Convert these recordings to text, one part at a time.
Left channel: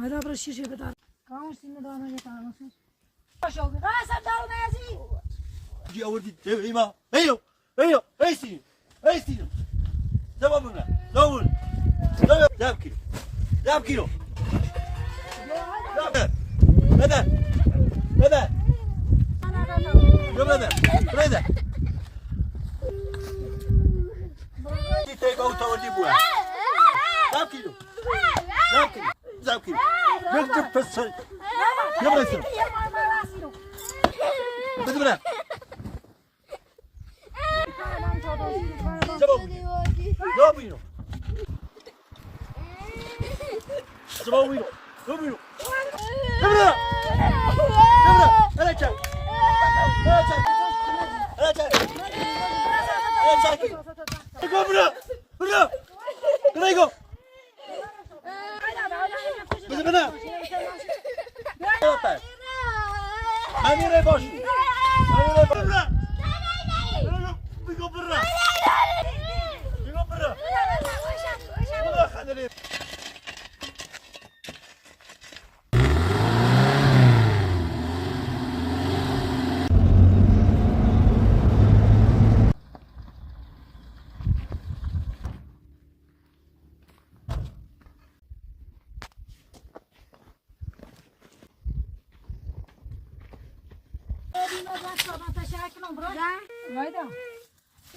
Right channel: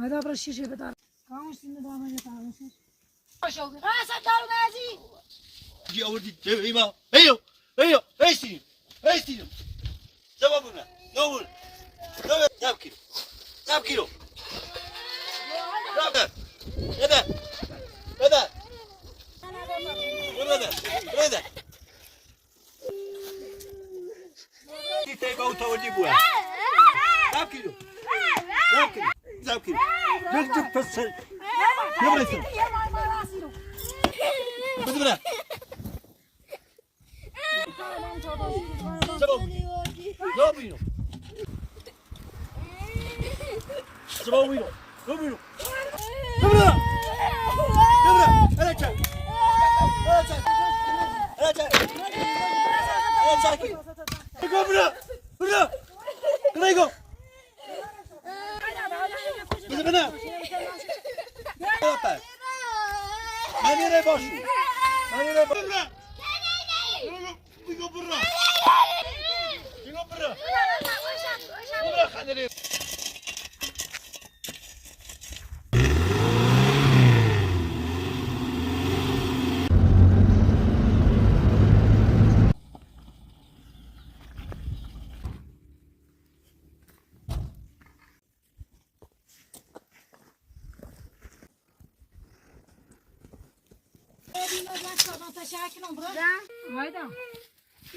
هذا برا الشيشة بتاع كامش سنة دامه بتاع نص شوقي قاسم دارو نازي جي أوردي تبعيما أيو أيو أيستينو أيستينو جوابنا دور جاب كيلو جاب كيلو هذا هذا هذا هذا تيجي أوتو ودي بوها جاب كيلو جاب كيلو جاب كيلو جب فصل يلا يسوي بدبنا جابينو جابينو جابينو بدبنا بدبنا أنا جاي أنا جاي أنا جاي أنا جاي بدبنا بدبنا كلايكو بدبنا ماني ريباشو ماني ريباشو بيجو برا بيجو برا برا خليني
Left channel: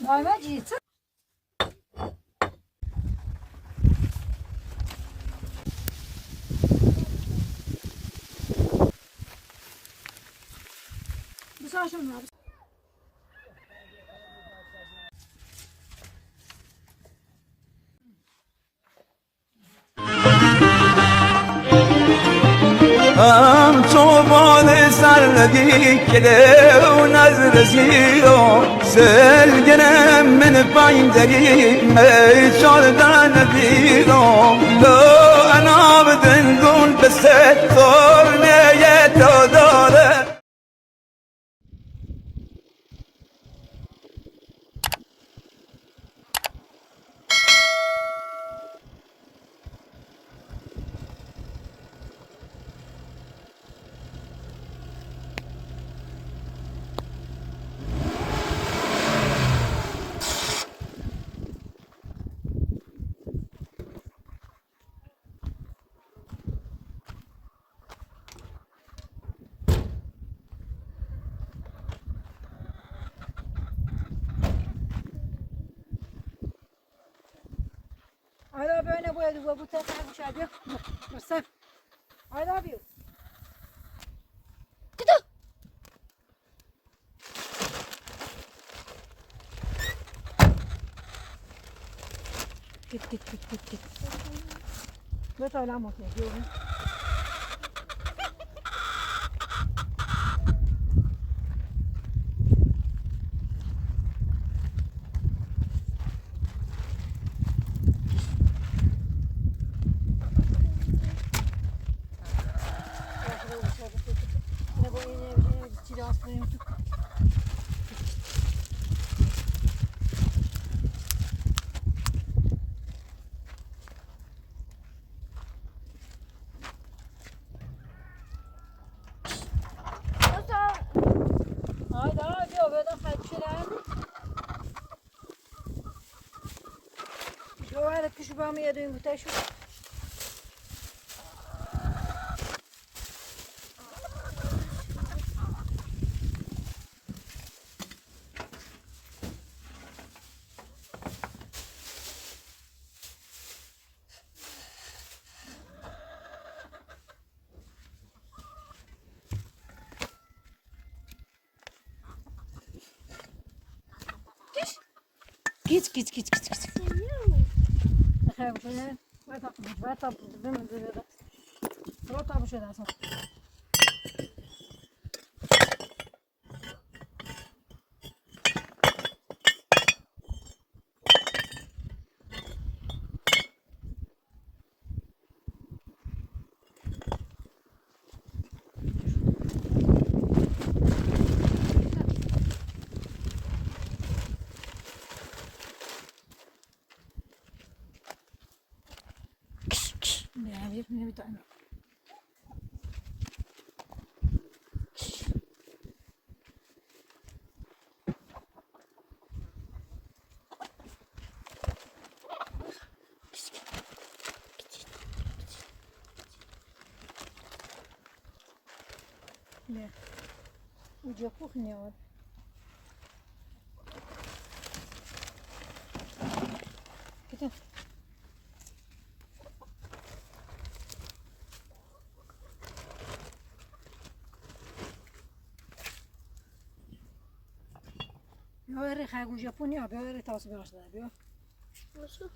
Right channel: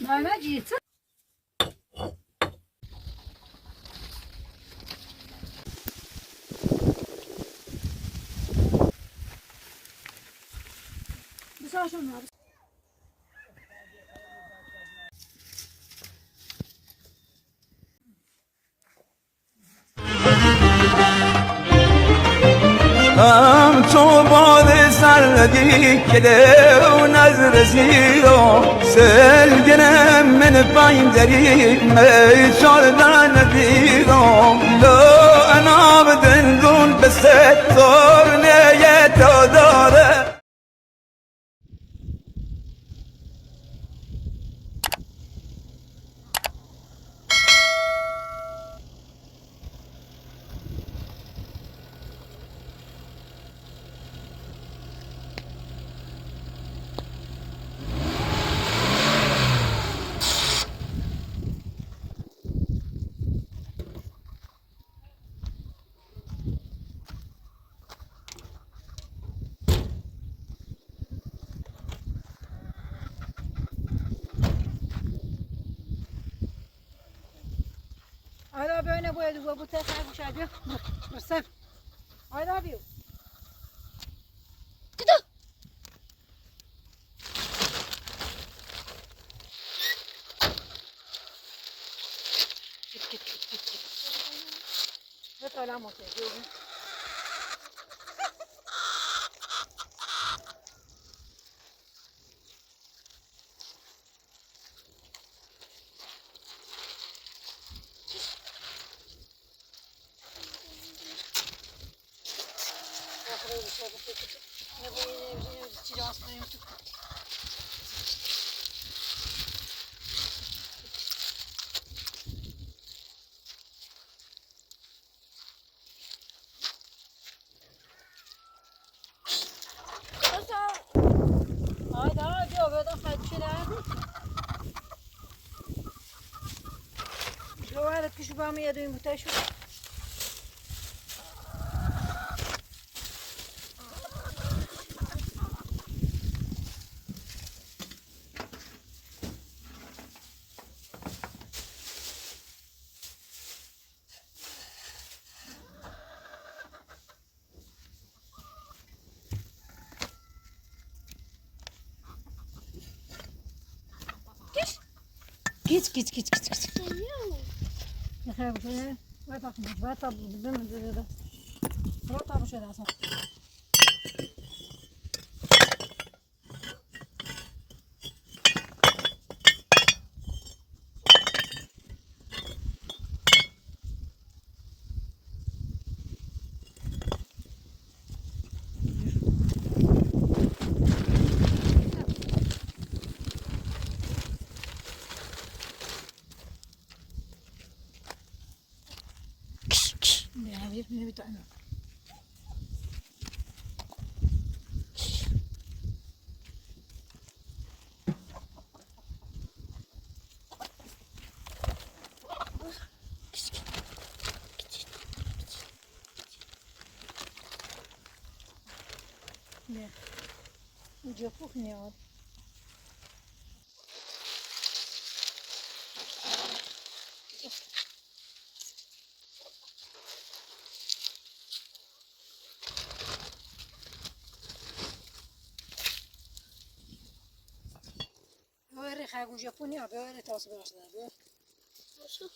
أنا جيت بس عشان هم تو بال سردی کده و نظر زیرو سلگنم من پایین دری می چاردن دیرو لو انا بدن دون بسه تورنه تو داره I love you and I will put that out of you. Yourself. I love you. Git. Vet alla mot dig, jo. شو هذا كشف عم يدوي متشو كيت خير شيء ما تاخذ ما تاخذ بدون هذا ما تاخذ شيء هذا نبي تعمل Ne? Ucu pukniyor. Gidiyor. Böyle xargul Japonya böyle tasvir başlar. Nasıl?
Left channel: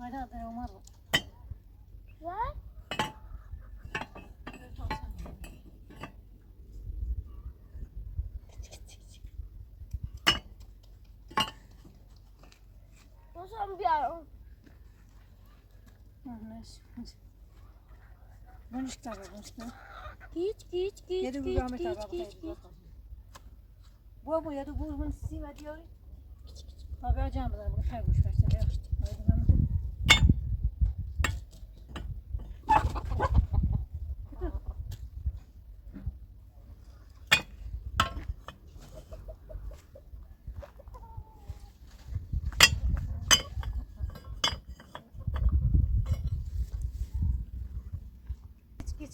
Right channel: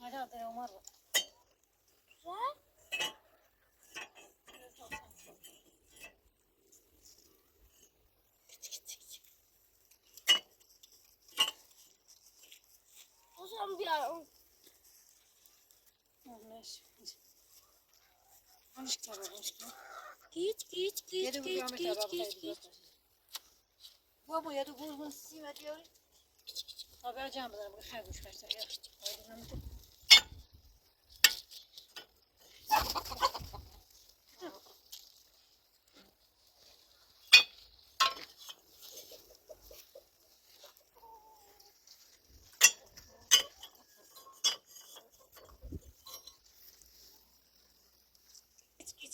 Hadi hadi Ömer. Güzel. Nasıl bir ara? Neyse. Bunu işte bak işte. Geç. Bu ama ya da bunu sima diyor. Haber canım da bu xargul başlar. Haydi Mehmet. Git.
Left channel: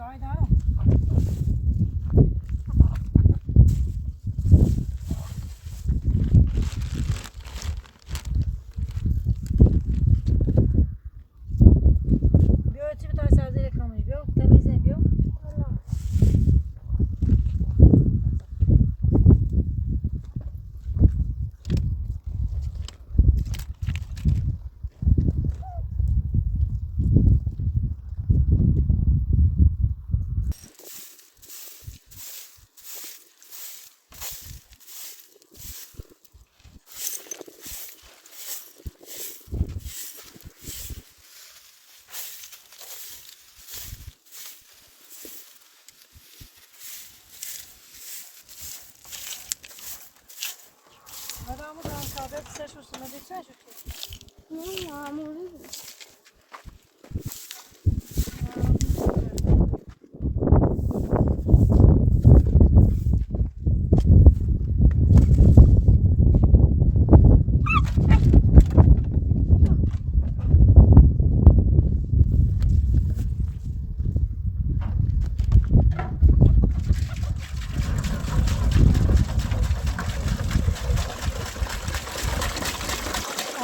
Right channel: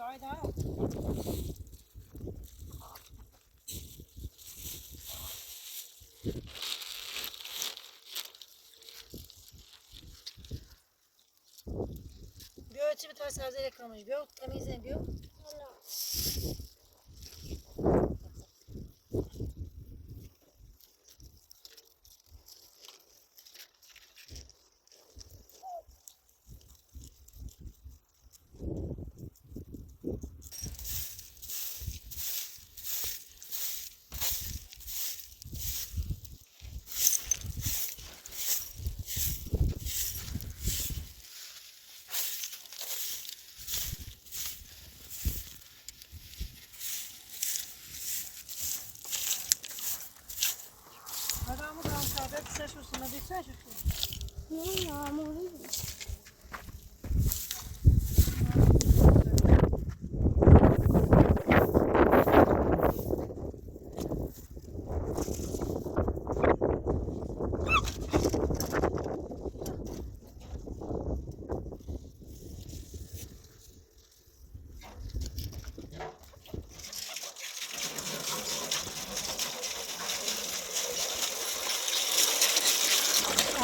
Haydi. Bir ölçü bir tane sabzeyle kalmış. Bir temizle bir. Allah. Adamı kan kahve pişer şurasına bir çay şurasına. Yağmurlu.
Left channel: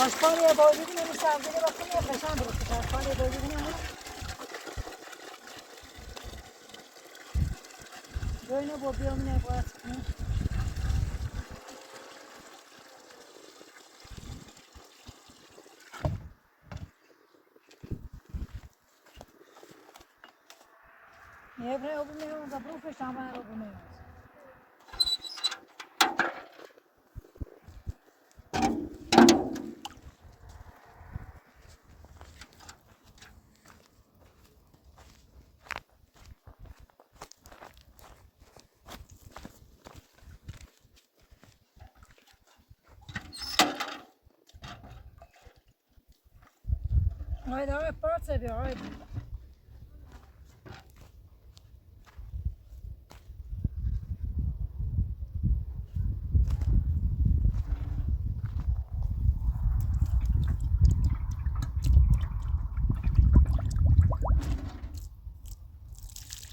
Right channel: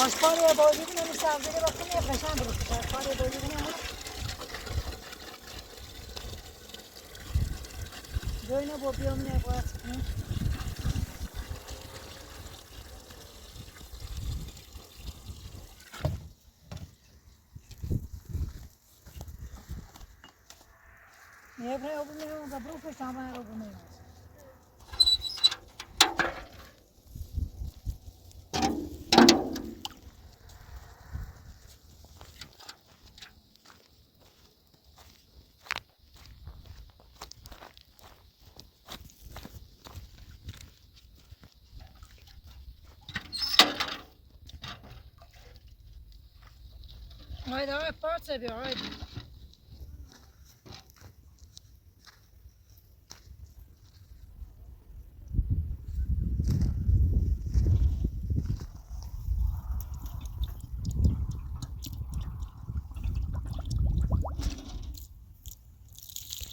Aspanya'ya doydum ama sabzeyle bakın ya peşen bıraktık. Aspanya'ya doydum ama. Böyle bu bir ömrüne bıraktık. Nie robią za brufy, sama robimy. Haydi haydi parça bir haydi.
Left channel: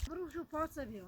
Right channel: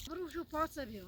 Vurun şu parça bir.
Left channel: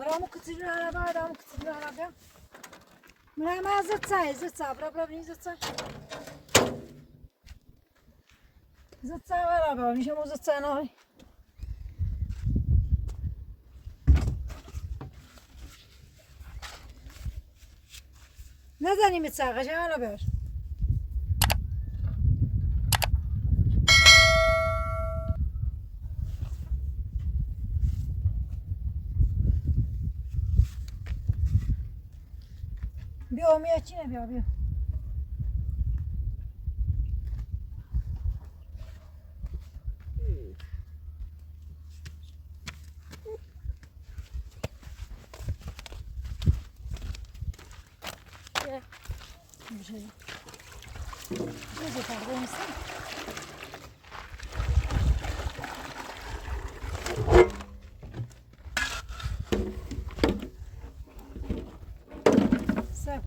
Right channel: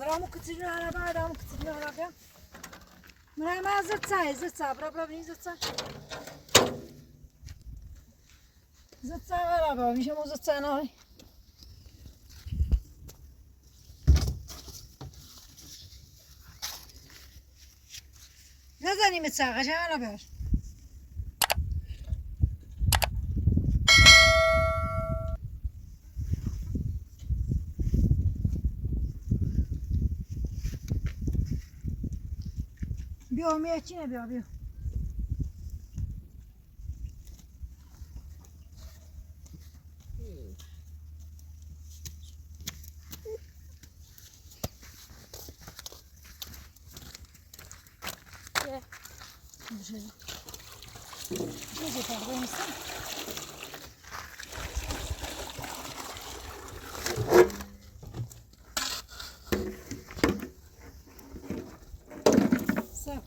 Gramı kıtırın araba, adamı kıtırın araba. Hemen zırtsa, bırak beni zırtsa. Zırtsa var araba, nişem o zırtsa ne var? Ne zanیم zırtsa, kaçan araba var. بیا میچینه بیا Дуже так винеси. Все.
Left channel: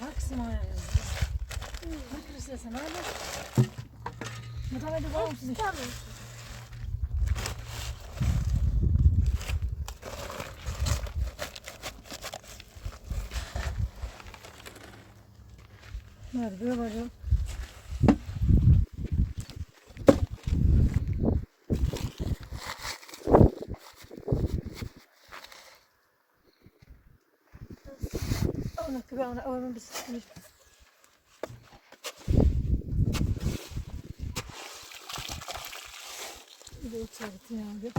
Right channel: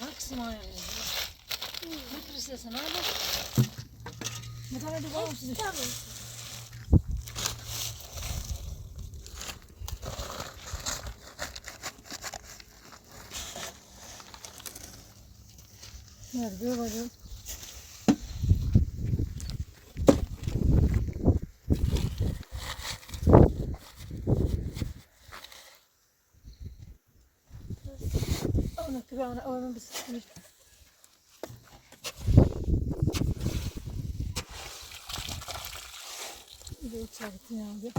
Haksım ayağını. Ne kırırsın abi? Bu tane de bağım size. Tamam. Nerede böyle bacım? Onu kıvamına onun bir sürü. Bir de içerisine aldım.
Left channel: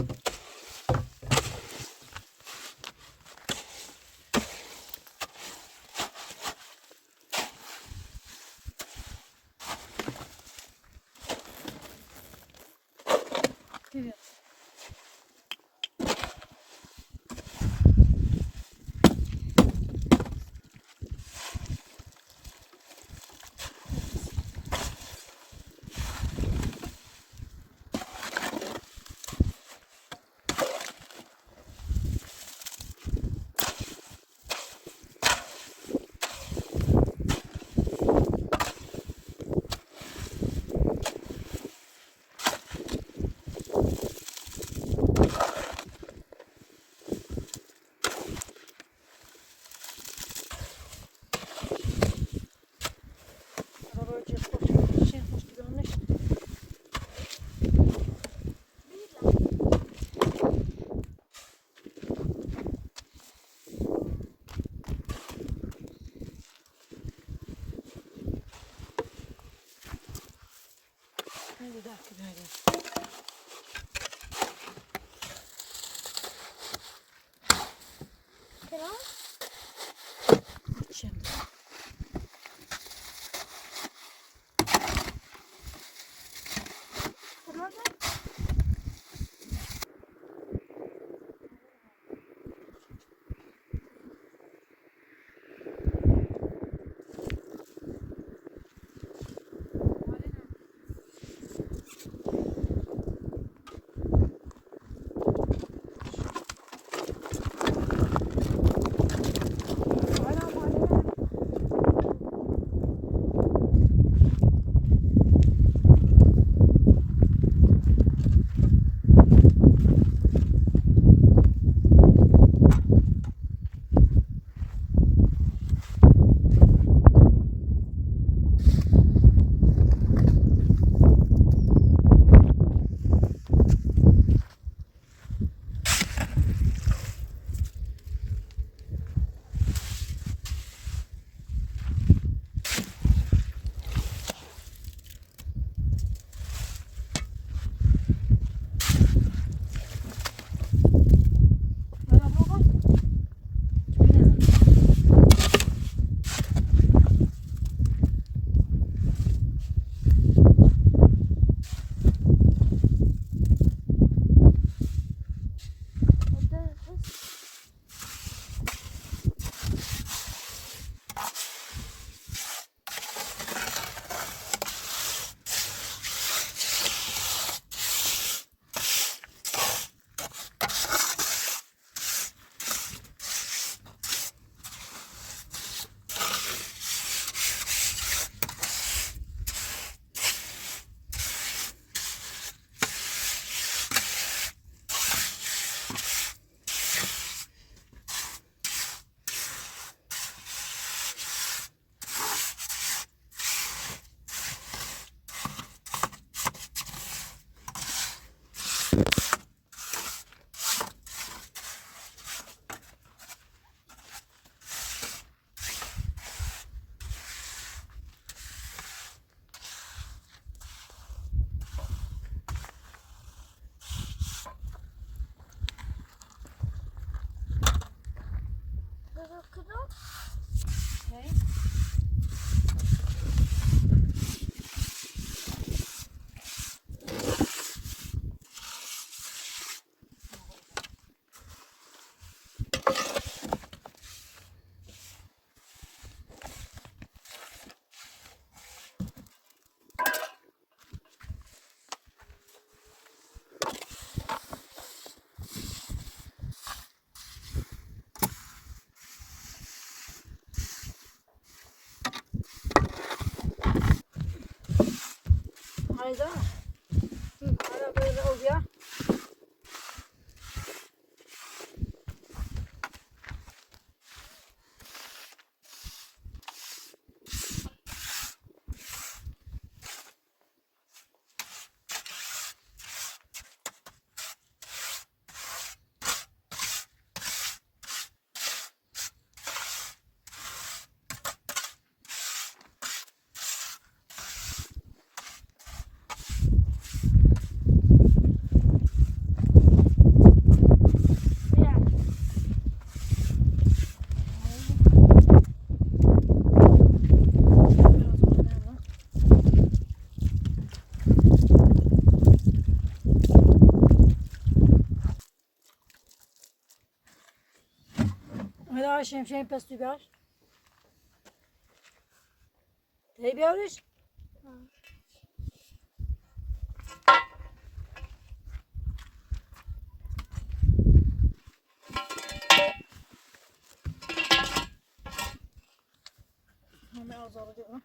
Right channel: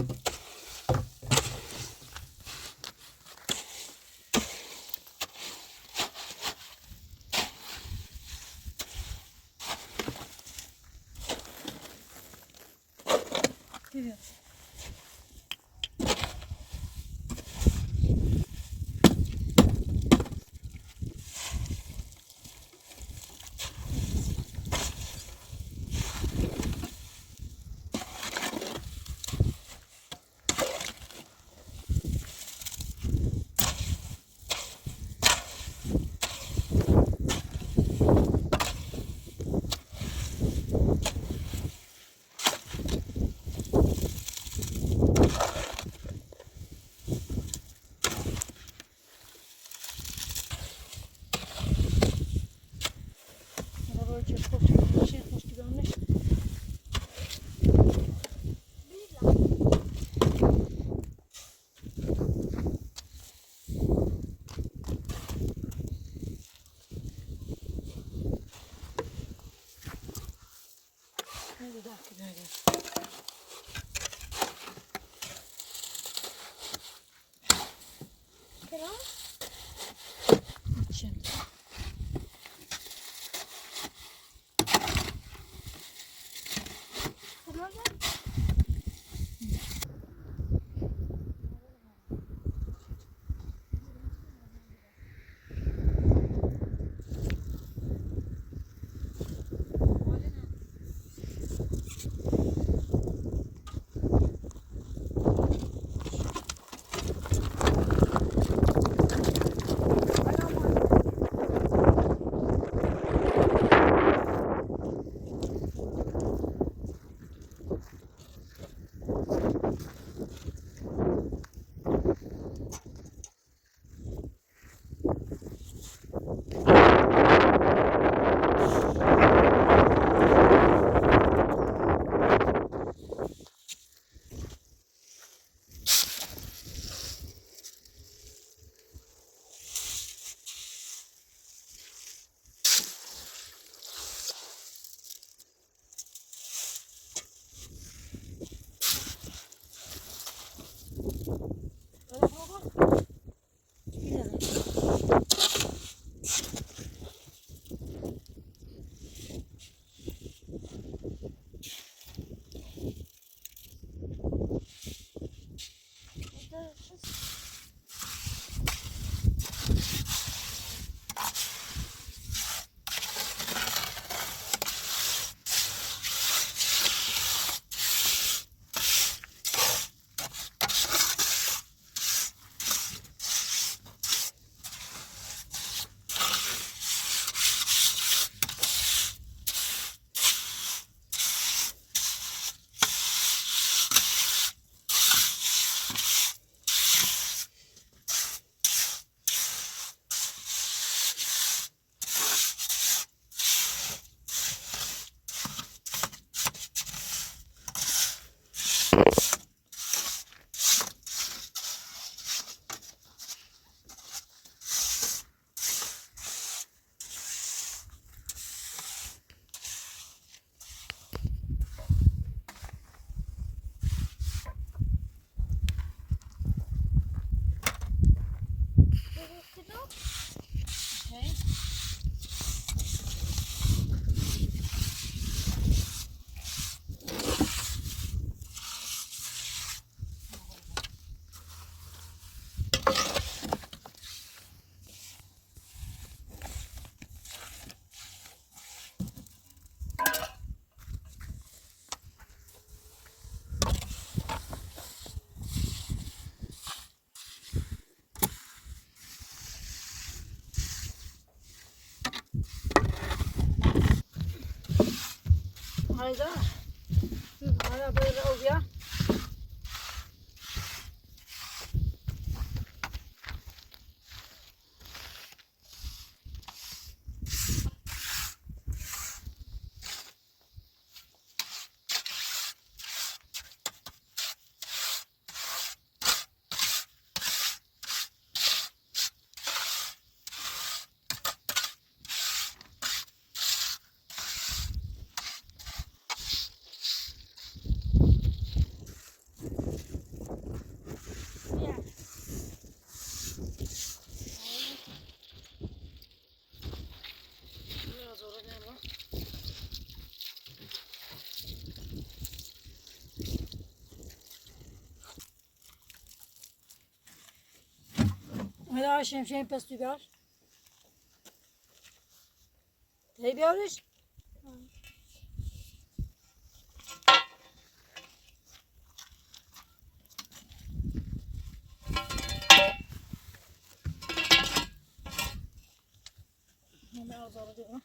Evet. Arabacı koştu, şey koştu görmüş. Hadi dakika böyle. Tamam. Şimdi. Tamam. Feyza. Ara böyle oluyor. Hadi şemşeğin pes biber. Ne bibermiş? Hemen az alacağım.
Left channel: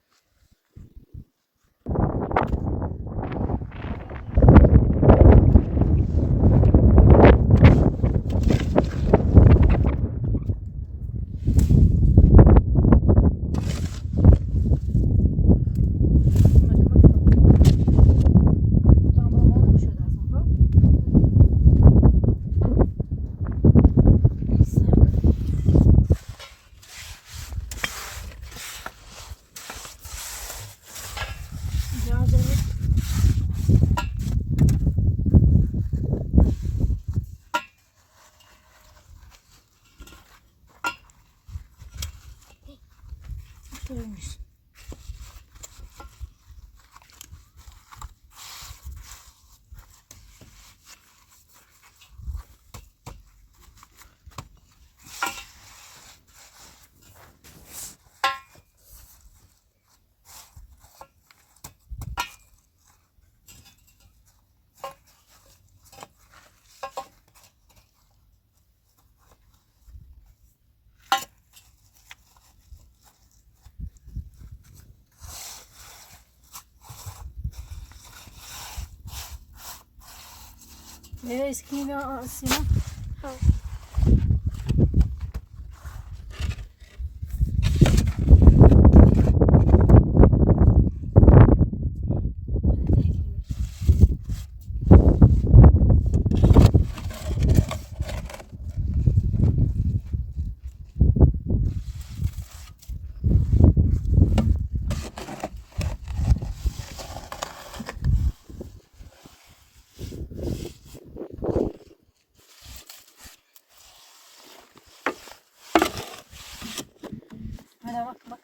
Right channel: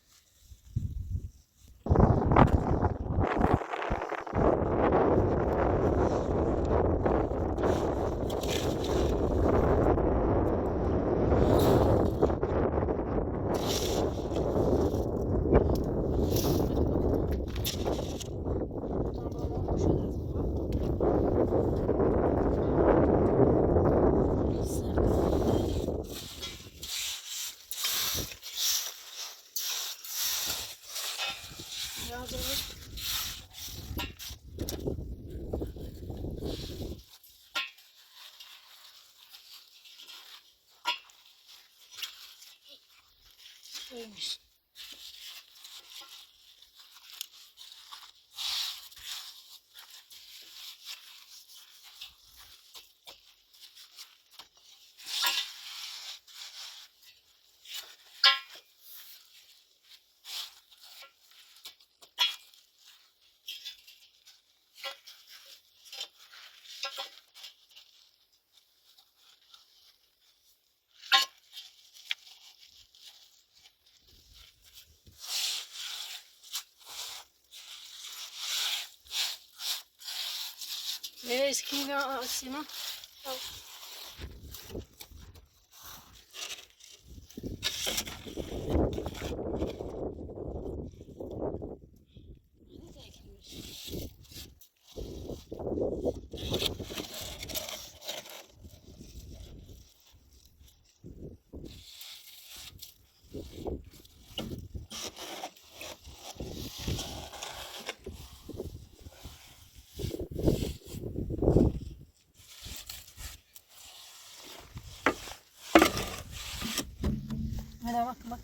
Şöyleymiş. Eskini de Sina. Hadi bak bak.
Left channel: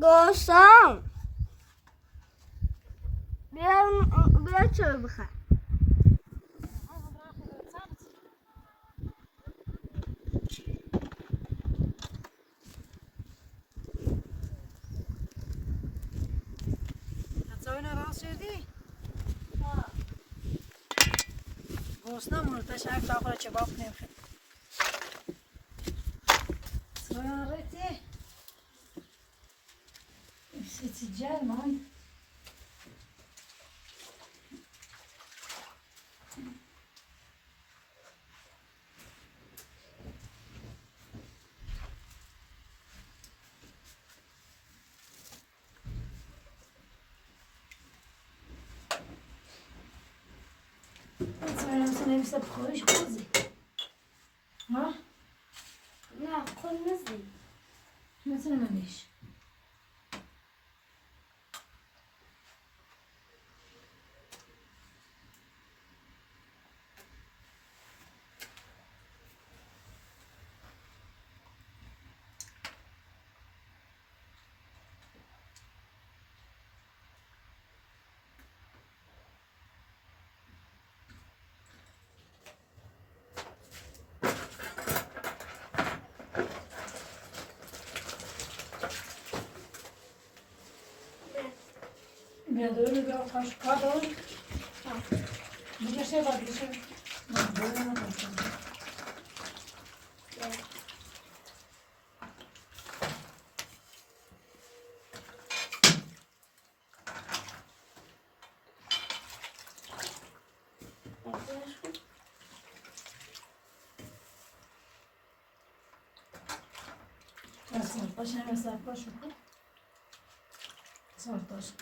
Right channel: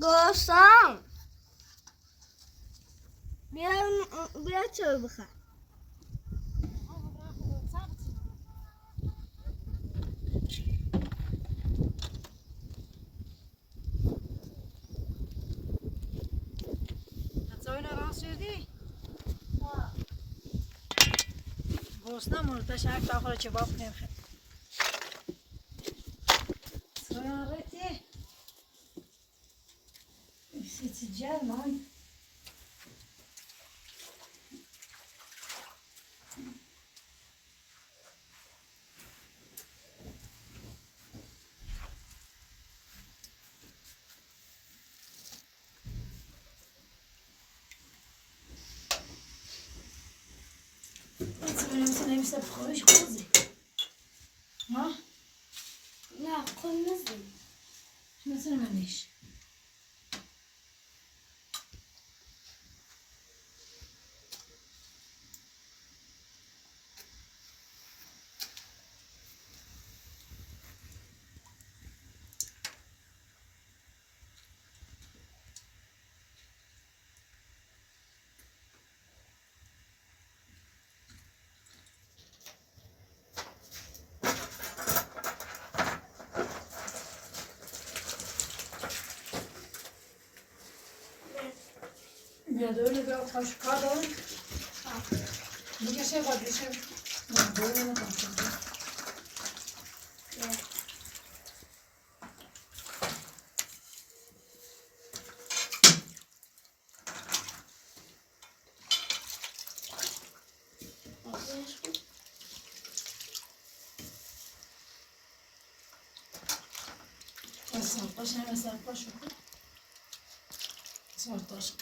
گوشتم بیا چرا بخواه گوسنه مرتش هر تاخر چه باف نمیخواد سوارتی سیتی جرمان نمیشه بخورش خوزی ها؟ نه خود نزدیم مثل منش Böyle bir kaşık var. Bir şey var, bir şey. Böyle mi kalacağız? Sarpaş, hemen sarpaş oku. Sarpaş.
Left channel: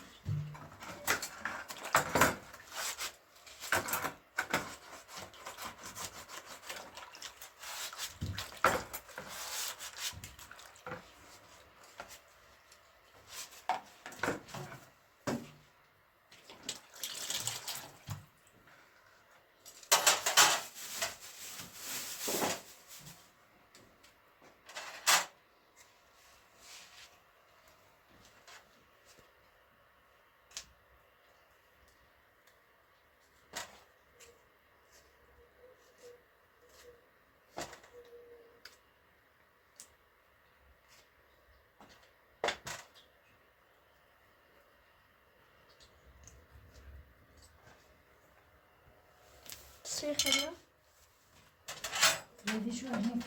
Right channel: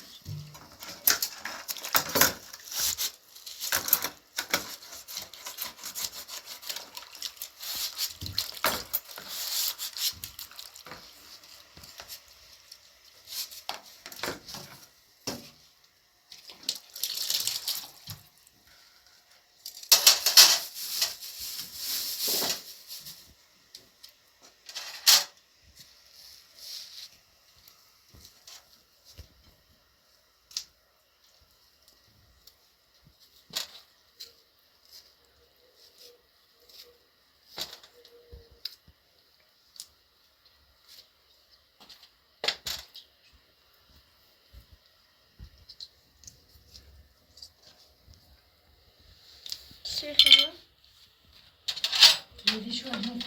چی خیلی؟ Yedi şu an ne?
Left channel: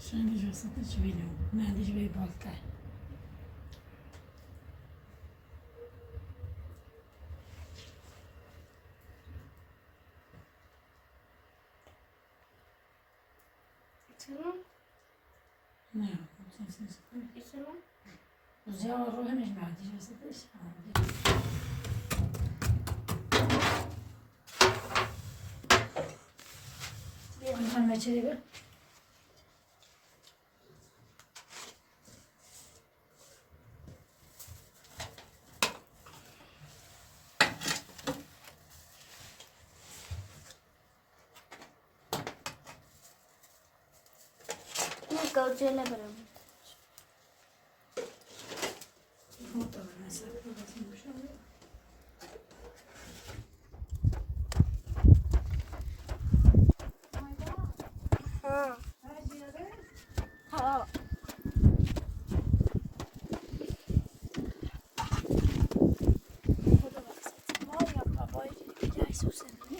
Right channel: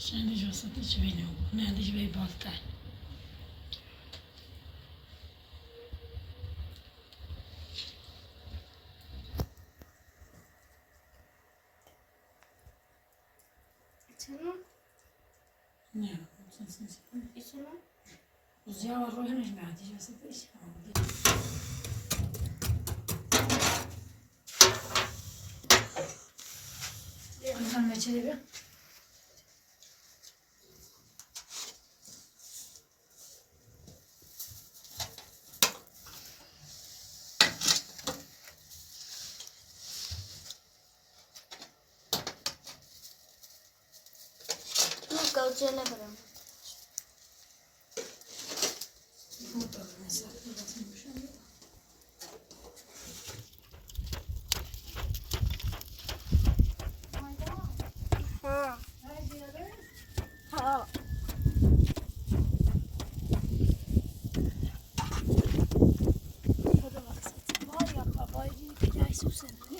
Şimdi josat hiç bilmiyorum. Nerede hiç bir balta. Tamam. Ne? Sensin. Tamam. Uzağa ruhun hiç mi? Josat hiç. Sen meçheli bir. Gaucela برم. ها. خدا بخشد. وای یا بابای دیگه که عکس بزنی.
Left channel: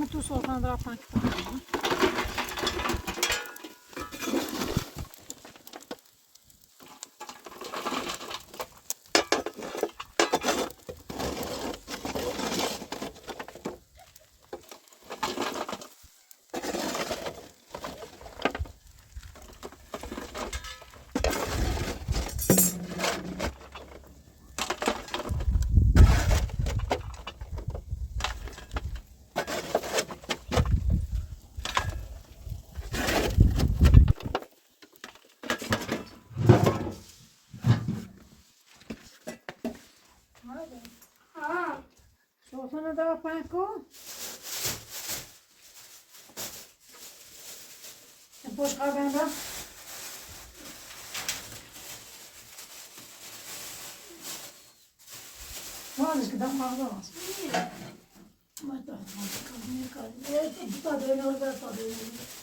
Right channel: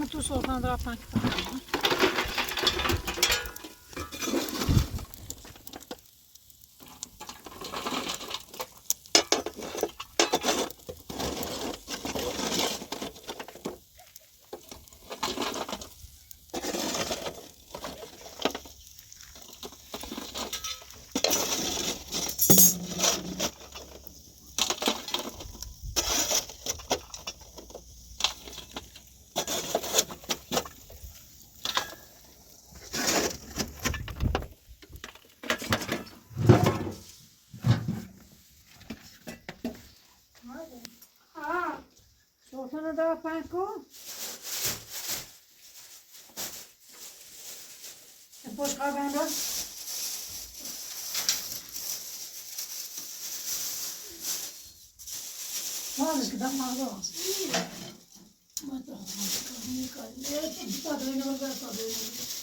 همه تو سلطان رفتن که سلطان رفتن کن باش کاربنجا مالش که دم مغزه هست ما تا کاری تا دوی نوزه تا دوی نوزه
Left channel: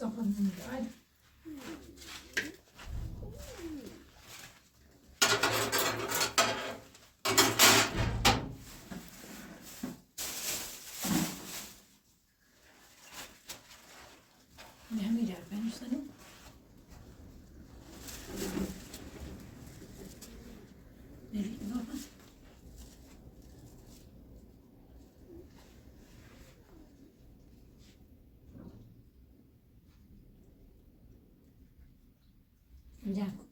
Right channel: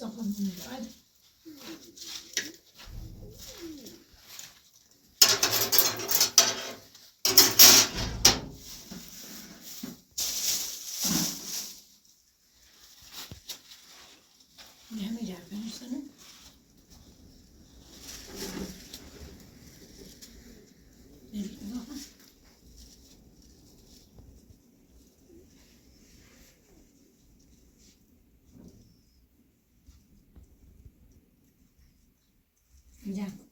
Something in the right. نمی‌دونم بنویسنم. نمی‌دونم. میدم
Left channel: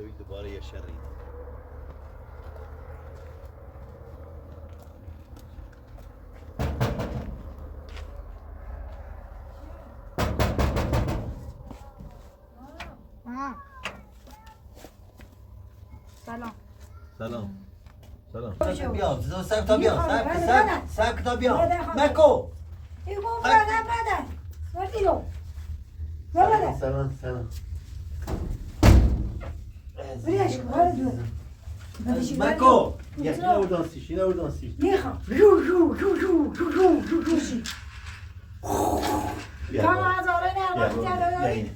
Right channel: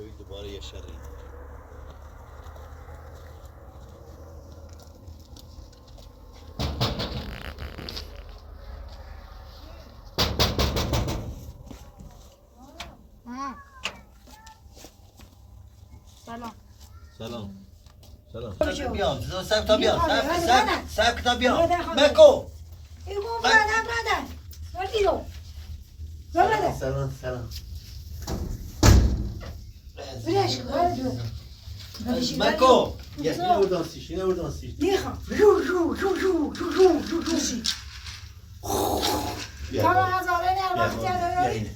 دوید دوباره یه شری سلام سلام سلام بیام سب تا بیام سب تا بیام مکو ایگو برادر وردیو برادر سلام بريش ورديو مکو یه اودانسیش نیخوام جو جو جو جو جو جو جو جو شی کاما هزاره نه وقتی داره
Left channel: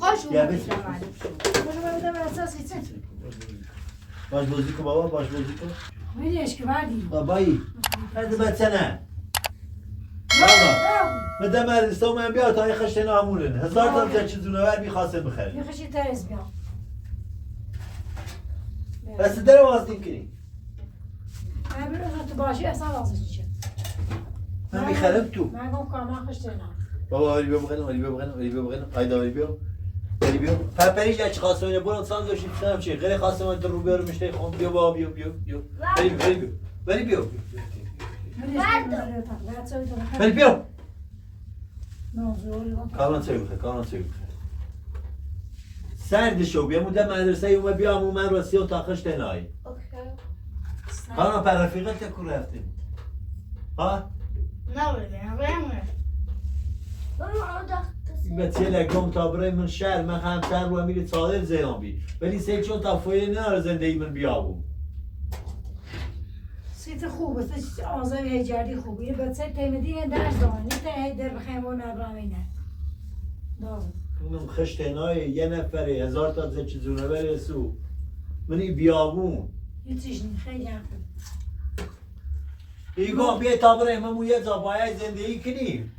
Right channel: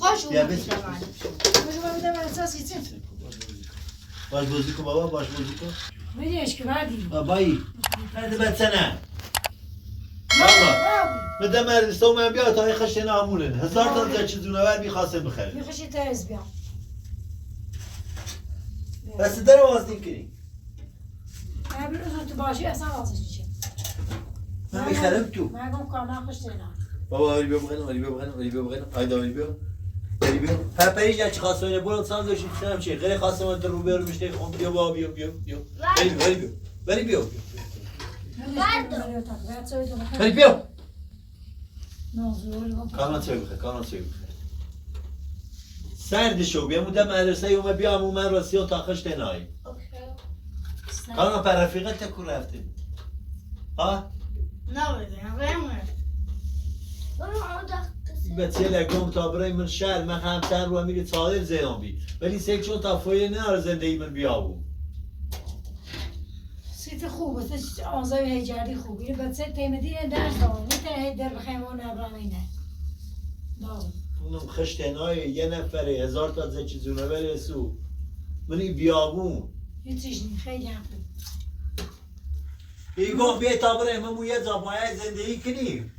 خوش اومدید باشه باید اساسی چه باش بازی کن بابا باش بازی کن میریش که بعدی بابایی هذا بتسنه بابا بدم مدرسه من بیا تا این خشت نامونه هزار تا زن چیزونه میخواستم بخریم میخوشی ترس بیام بس در واسه کنی امروز تو باشی اصلا واسه چیه من میخرم تو من گم کاما خشت نه بابا ولی بیا آیدا ولی بیا پپریش لچ خواستونه برو ساز داشتیم سنم چی غیر خواستم تو رو برو میشته خون بیا بابا بیا ولی بیا کامان سوی بخیر سرد شو بیا مودم مدرسه یوم بیا امو من راستی و تاخش تنایی کامان پر رفیقت تکو رفتیم ها؟ بچه لگم تا برای من شهر من همسر رو میره صادر زیان بی ولی سه چون تا فایه نه زندگی من بیابون سیت خوبه تو آزای هیجردی خوبه یه بچه تیمدی درس دارن یه تیمدی در بخیم و نبرامینه دارم اونم خشتنای یه نفره 1000 تا زچ زونه بره سو منی بیابون یه چیز خیلی هم خوب ایگو بیای تا برای همون یه زبایه زندگی کنیم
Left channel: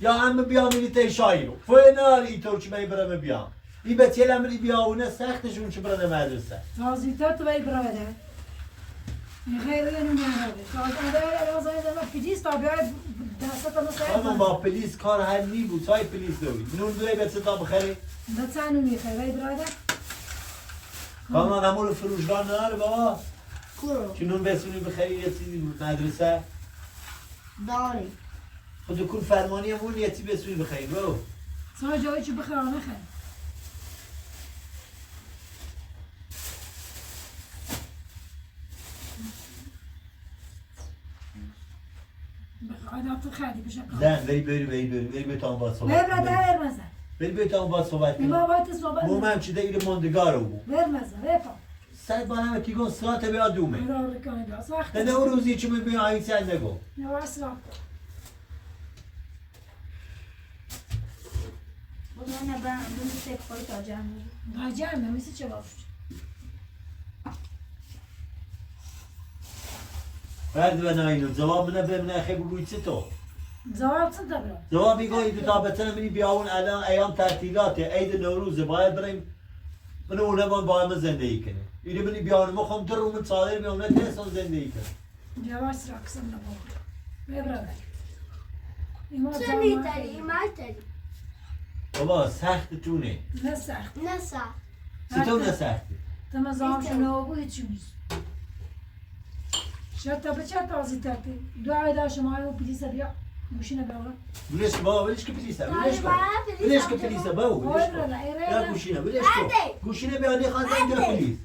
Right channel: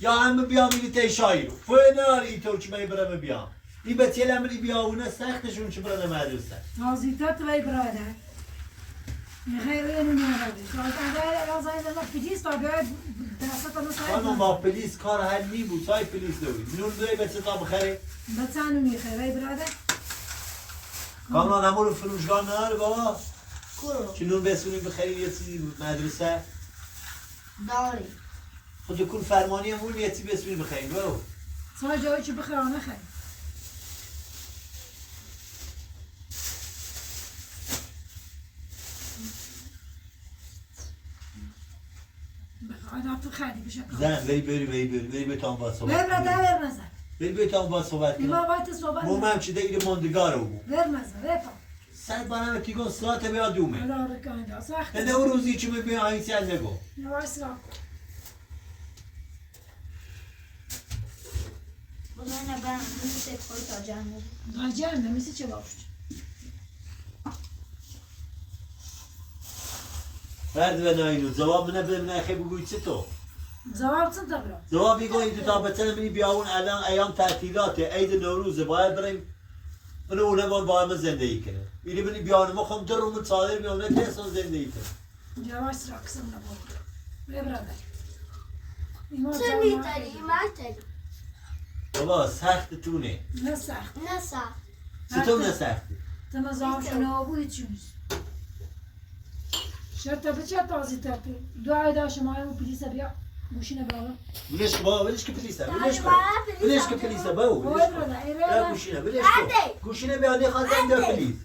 یا همه بیام میلی تی شایی رو فوی ناری ای ترکی می برم بیام این به تیل امری بیاونه سختشون چه برای مدرسه نازیتت وی براده خیلی نمیاره آده رازای زمان پیلیس تا بیاید دسته کنه خانم با پلیس کار حل می بود سای پلیس دوری نون دوی به تا بخری بچانو میخوای وی براده کامران همون فروشگاه نداره بابا کرو چه نون بسونی بخری یه چیزی مدرسه داری خود کل فرمانی همون یه چیزی بسونی بخری برو سای جایی چی بخرانه خیلی بخواهد تو خیلی بشه زن بری به تام با صحبت ورمزه بری به تام با صحبت ایما باید صحبت مومم چی دیگه ماندگار رو بود ورمزه ویپا سر بانم تیگون ساعت بیا دومه برای رکانه دا سخت نه روزی چی میبینی آیی سر نگو یواش سراغ بودن ben bunu tek koyacağım. Dayacağım ben mesela çabuk. فرد و ناینو جواب منه به منه خیلی بگوی چه تو Zavapsın tabii. جوابی گویی تو تا بچه منی بیاون الان ایام تعطیلاته عید نوروزه باید بریم من اونه باید من زندگی کنه اینی منی بیان ما خم در رومن صادر بیام نه تنسان زندگی کنه Yavaş sıra kısım da oldu. Ve beraber. İmam Sen iyi tari, iman tari. بابا سخت تونه Ne sert. Nasıl? چطور نه سختی Tema zaman şunu bu içiniz. Şart tabii çat azı tabii. Dua eder şumayı bu polise bir ماشین بابا. ولش بابا ولش که پلیسه ولش کن ولش که پلیسه بابا ولش کن یا گوشینه ولش کن گوشینه بیانی خواستم دا پلیس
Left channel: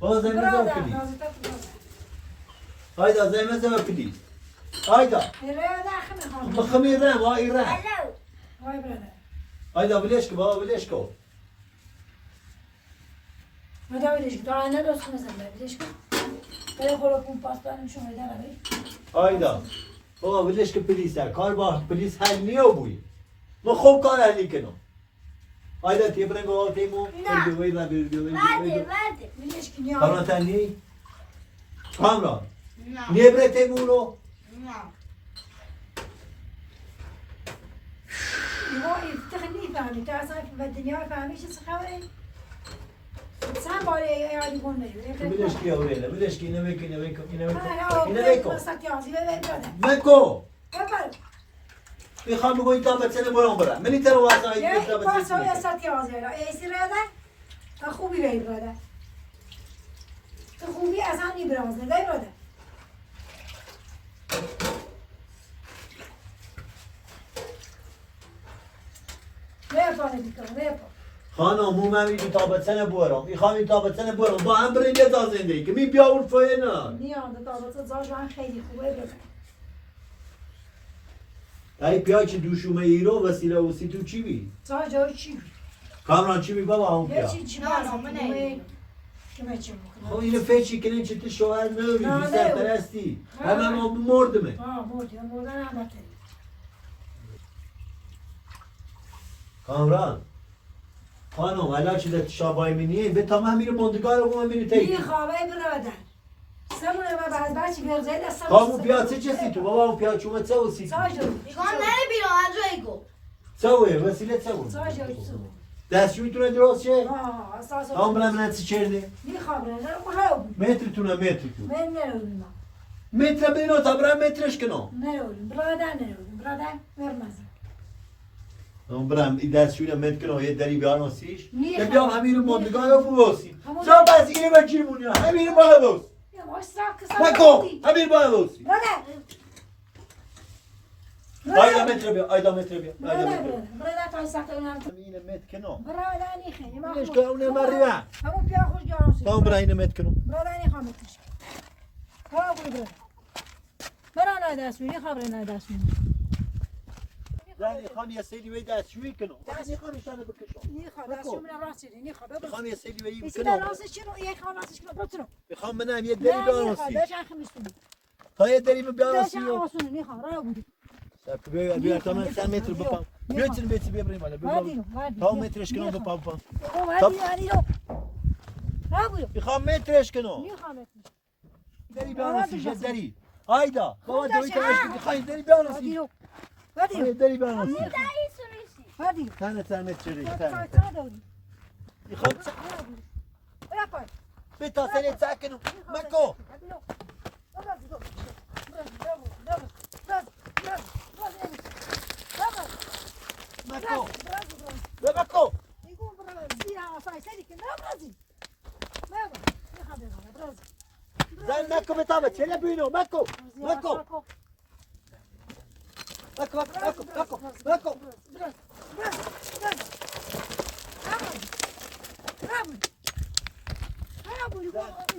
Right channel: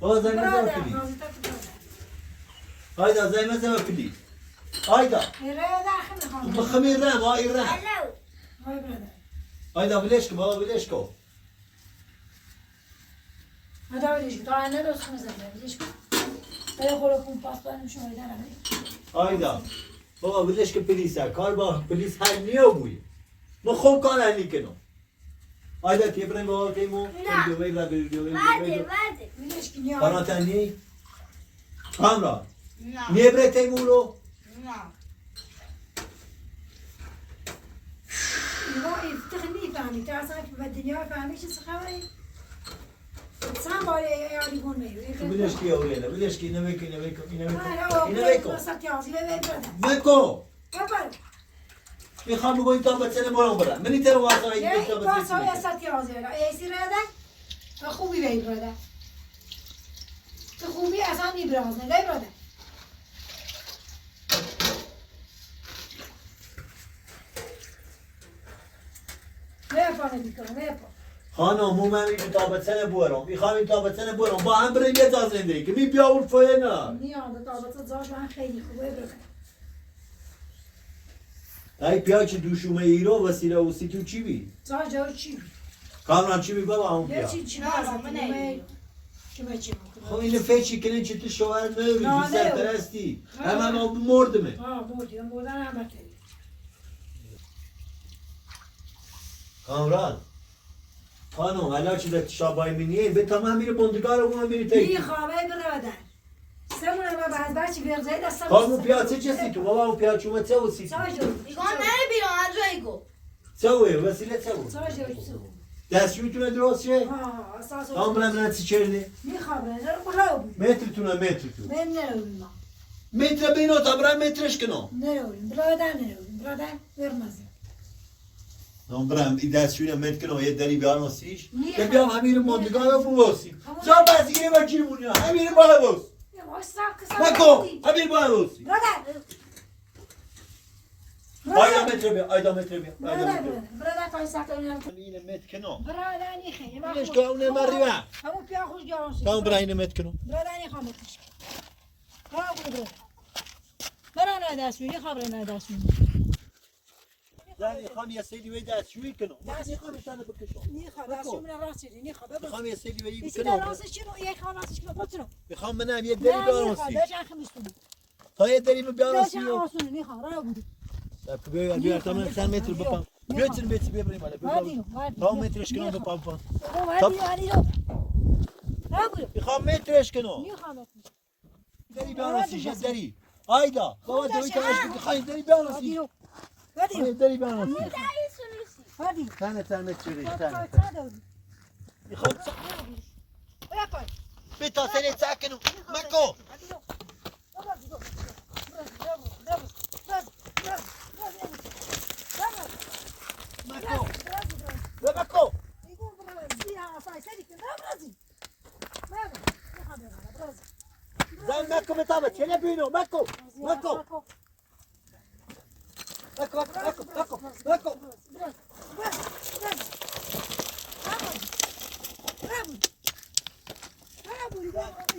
بابا زنگ زن پلیس هایدا زنگ زن پلیس هایدا بخمیر رم وای رم Vay brother. هایدا ولش کن بابا ولش کن Hadi öyle daha ne olsun mesela biliş mi? Ben خورکون پاس دارم شما اداره بری. هایدا بابا ولش که پلیسه کار با پلیس حل نیو بوی ما خوب کار حلی کنم هایدا تیبرنگ بابا تیمو وی را Verdi, verdi. Biliş ki niye? کارا تنی کامرا No. نیه بره تیمو رو No. Ya iftihni fahmi. Ta aslında ki ve dünya fahmi için sıkavay. Sen bari yani konmayı. ولش کی اوریلا ولش کی اینو بکن اینو بکن اینو Ha بکن ya اینو o بکن sat yazı ve ver bana. بکن Yapar. میخوام بگوی تا بچه برام برم منی تر واسه Ya این تا ilk başta ya بچه sat yazı ya. Esirede خوبی وی براده. تو خوبی اصلا نی براز نه وی براده. نه پاره میکنه نه پاره. خانم مو من این تا بچه برام میخوام این تا بچه برام با هم بریم یه تا زندگی که می بیا اون فوی نه نیام تا بچه زاش من خیلی خوبه براده. ای پیا چه دوشومه ایرو وسیله وسی تو چی بی زاش جای چی؟ کامران چی بی بابا اون یه پیا چی نه، باز من نمی‌دونم. کمه چی میکنه؟ خب اینو فیچی کنین چه تو شوهر نوری نه، بی سرپرستی همه ما مردمه مردی مردن هم بکری. کامران خانم الان چی در شابای منیه به تمام میره بندگار رو من میره تایی خوابه برادر. سمونه ما بعد بچه برزه دستم. خب اون پیا چه چسی تو بابا اون پیا چومه چه وسی تو زاش Şu an nereye biliyorsun Andrego? چه وسیله چه بود زاش دستشویتونه درست شه ها اساس. تام برم نتی چرده میخوابه نه برو. مترتونه متر تو من نرودم. متر بینا تا برم مترش کنم نرودم برادر نرودم برادر ورمز. تام برم این دستشویی متر کنم یه دری بیارم سیش نیه. که بیام همین ماندگار رو بوسی همون- جا بازی کنی با چی مونی همین بالا بوس Ya boş saf kısa. نکن همین بالا بوسی Brother. ayda metre bia ayda metre bia ayda metre bia برادر تا ساعت اونم. اینه متر کنم برادر نیخه. ما ليش كونه مريوه همون پیا خوش جانسی. تام برا اینه متر کنم برادر نیخوام بکش. خواب برادر. برادر دستوری خواب برادر دستوری. زنی خان یه سری وی دستشویی کنم میخوام ایشانو بکشم نیخوام دستوری من راست چیزی نیخوام. میخوام یه سری وی بیشتر کنم راست چی رو یک خان راستش کنم بترو. میخوام منم یه دری بیارم سیش بچه خمیس کنم. تا یه دری بیارم بچه سیش آسونه نیخوام راه بودی. بیا بیا تا من 100 متر بپام بیا چن بیت بیا بریم بالا وادی بیا وادی. تا مترش کنم بپام وادی وادی رو. راه بودی. میخوام مترش کنم نیخوام بکش. دری بیارم سیش یه دری آیدا بابا دوی تا اش میخوای دری بیارم وادی سیش رو. وادی رو. دری بیارم سیش Dayı soruyorsun. وادی. تنه متر تا تنه تا دادی. میخوام Yapar. بتا سنت ساكنوا مكو مكو ومكو زين مكو بطابت شنو بينو مكو مكو مكو مكو مكو مكو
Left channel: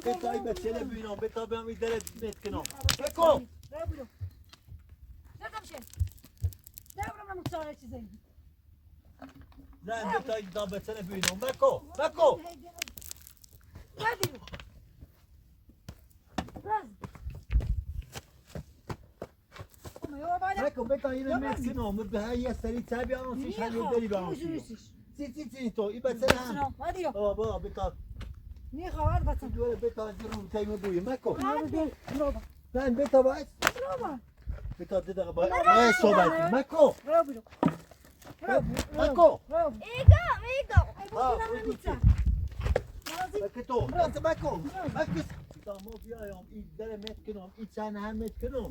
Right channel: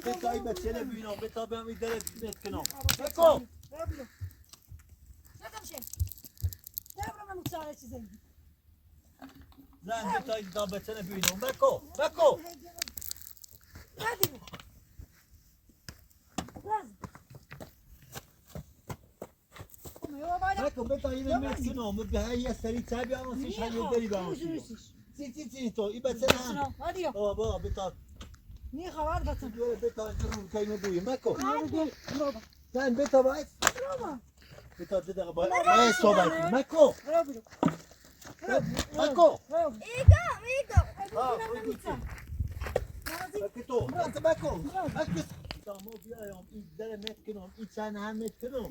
بتا ايبك شنو بينو بتا بهم يدرك بيت كنو مكو زين بتا يضابط شنو بينو مكو مكو مكو بتا يلمت كنو بهاي سري تابع انا فيش هاي يدري بهم سي تو ايبك شنو بابا بتا دول بتا جرو تايم بوي ماكو زين بتا بايت بتا ددا ما صوباتي ماكو ماكو ماكو انت ماكو اكبس مو بيا يوم يدري مت كنو انسان هم مت كنو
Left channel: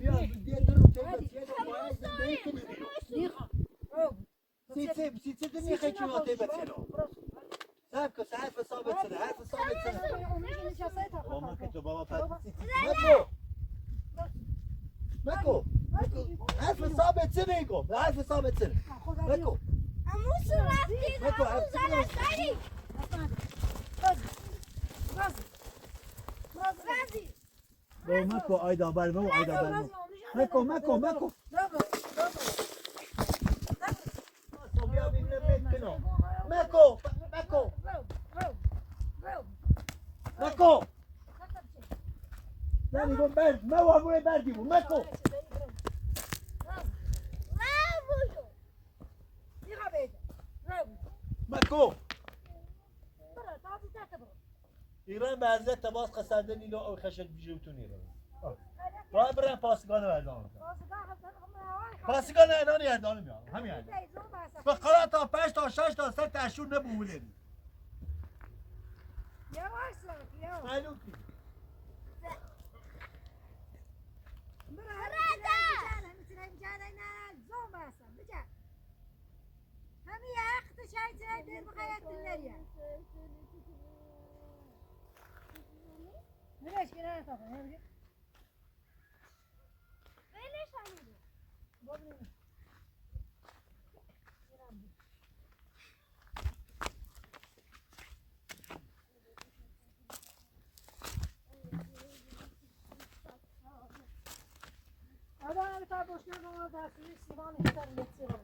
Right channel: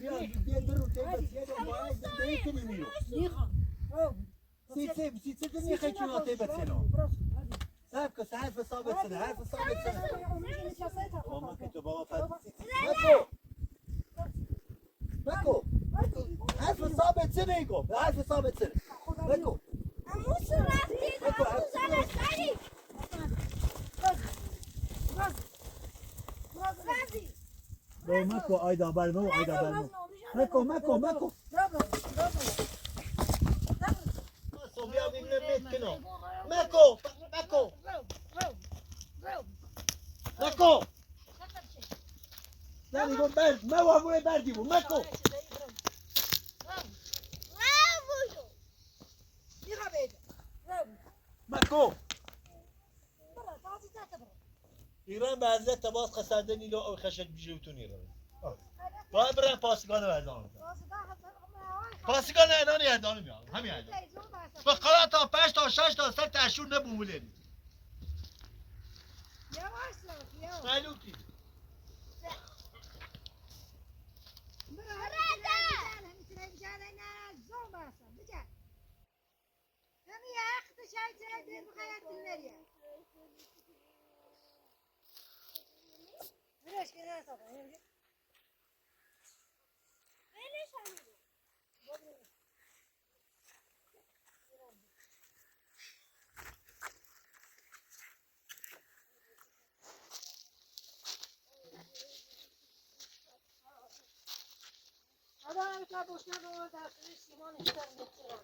بيا بيدرو تايم يدو بايت بيكني ميلو سي دني خيتو تايم كنو سابك ساعات فصابت سنة عارف فصابت سنة وما كنت بابا فات ماكو ماكو عارف فصابت سنة يقوم عارف فصابت سنة ماكو ماكو عارف سنة بابا ماكو ايدا بالمو ايدا بالمو ماكو ماكو ماكو ماكو بيا من الميت كنو ماكو ماكو ماكو لا يقول برد ما هو ابوي برد يقول ماكو ماكو ایران به حضرت تباس قصدنی لو او خشک بجوتون ایران با برن پاسگان وردان پاسگان ایران یردان میاد همین ایران به قرار تا 5 تا 6 تا 7 تا اشور نبولن معلومتی Adam bir tane boşuna kalmadı. Dersi Sivan ister geçiyor.